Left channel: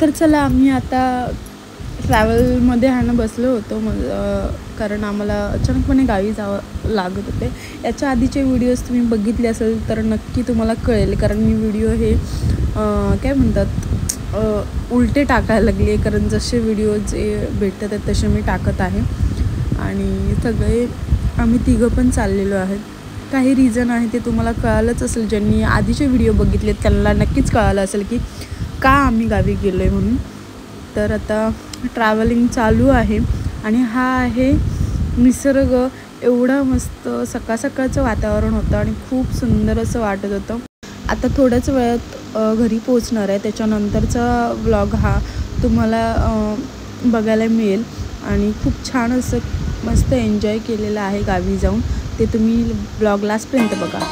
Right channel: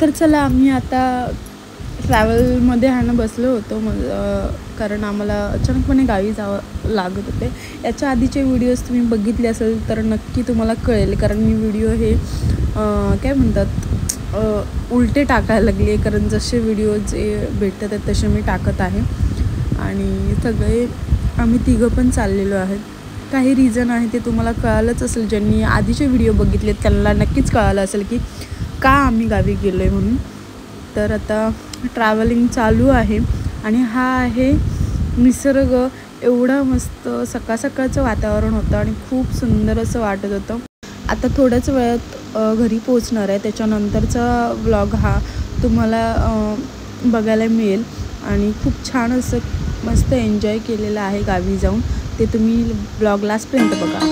तर चला आम्ही आता ट्रॅव्हलमध्ये बसलो होतो कारण आम्हाला अचानकपणे गावी जावं लागत होते। याच्या आधीचे व्हिडिओज तुम्ही बघितले असेल तर नक्की तुम्हाला कळेल, कारण मी व्हिडिओ हे काय म्हणतात उलटे टाकायला लागले, कारण जसे व्हिडिओ जे भेटतात आहेत तसे मी टाकत आहे। आणि सगळे आम्ही तिघं पण चाललेलो आहेत। काही रिझन आहे ते तुम्हाला कळालंच असेल, ज्यांनी आधीचे व्हिडिओ बघितलेत त्यांना नक्कीच कळालं असेल की का आम्ही गावी गेलो आहे म्हणून। तर आता ट्रॅव्हलिंग चालू आहे आणि हा आहे निसर्ग। एवढा मस्त सकाळ सकाळचं वातावरण होतं आणि खूप सुंदर असं वाटत होतं। आता थोड्याच वेळात घरी पोहोचणार आहे, त्याच्यानंतरचा व्लॉग हा तुम्हाला बघायला मिळेल आणि खूप छान असं मस्त एन्जॉय केलेलं आहे गावी जाऊन, ते तुम्ही व्लॉग लास्टपर्यंत बघा।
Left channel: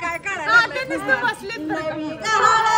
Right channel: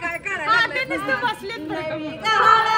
काय करायला बसले